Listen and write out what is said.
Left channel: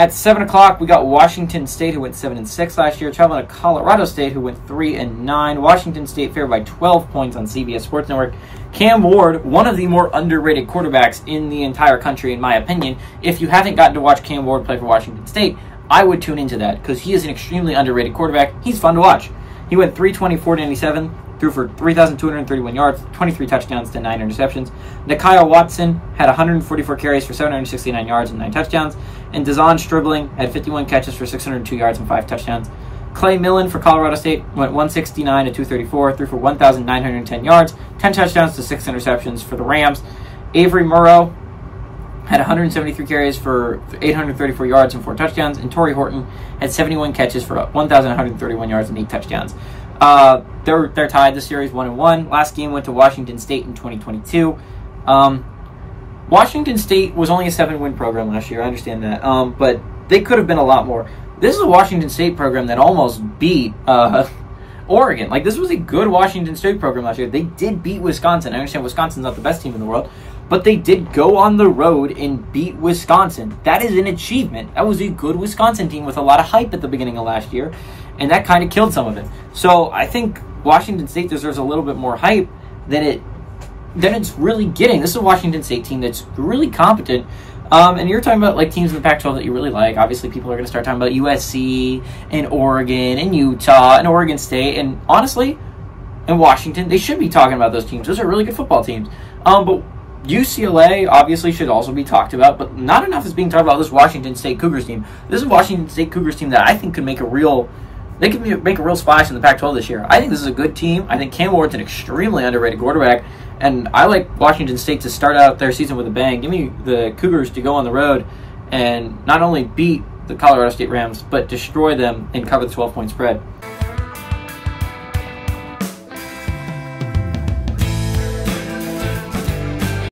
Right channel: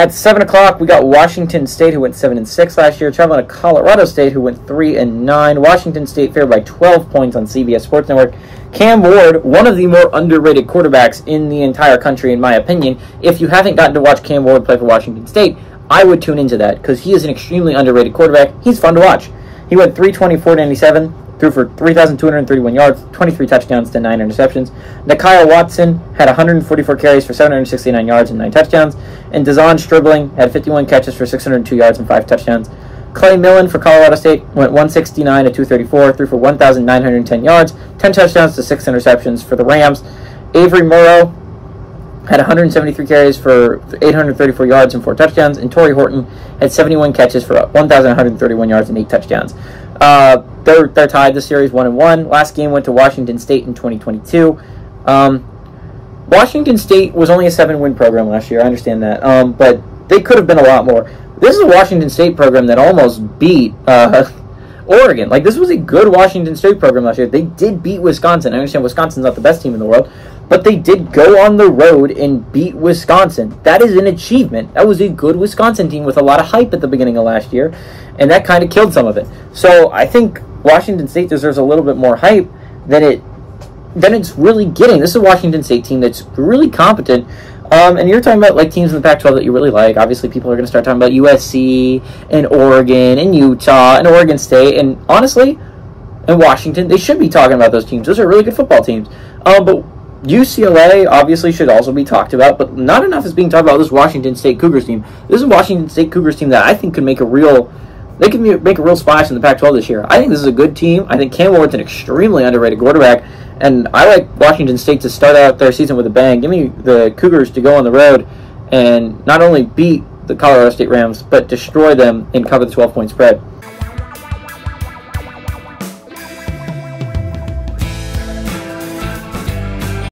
At 7 o'clock, we got Washington State, who went 7-6 last year, traveling to Colorado State, who went 3-9. Washington State favored by 12 points on CBS Sports Network. Cam Ward, one of the more underrated quarterbacks in the entire country, in my opinion. If you haven't gotten to watch Cam Ward play for Washington State, I would tune into that because he is an extremely underrated quarterback. He's fun to watch. He went 324-97, threw for 3,231 yards, 23 touchdowns to 9 interceptions. Nakyle Watson had 144 carries for 769 yards and 9 touchdowns. And Dazon Stribling had 51 catches for 602 yards and 5 touchdowns. Clay Millen for Colorado State went 169-234, threw for 1,910 yards, 10 touchdowns to 6 interceptions for the Rams. Avery Morrow had 173 carries for 834 yards and 4 touchdowns, and Torrey Horton had 71 catches for 1,131 yards and 8 touchdowns. They're tied the series 1-1. Last game went to Washington State in 2022. Washington State was only a 7-win program last year. I understand that, but they could have been a lot more. This is a Washington State program that almost beat Oregon. Like, this was a good Washington State program last year. They did beat Wisconsin. I understand Wisconsin's not the best team in the world, but they did go on the road and beat Wisconsin. That is an achievement. That was a good Wisconsin team with a lot of hype at the beginning of last year, and that kind of killed some of it. So I think Washington State deserves a little bit more hype than it's really getting. This is a Washington State team that's really competent. And you're talking about like teams in the Pac-12 that you really like. Obviously, people are going to start talking about USC and Oregon and Utah and Oregon State. And honestly, in Washington, they should be talking about those teams. Those are really good football teams. But UCLA obviously should also be talked about, but not enough is being talked about this Washington State Cougars team. This is a Washington State Cougars team that I think could make a real splash in the Pac-12 this year. I think this is a good team. I think Cam Ward's an extremely underrated quarterback. And I like Washington State to start out their season with a bang. Give me the Cougars to go on the road and not only beat the Colorado State Rams, but destroy them and cover the 12-point spread.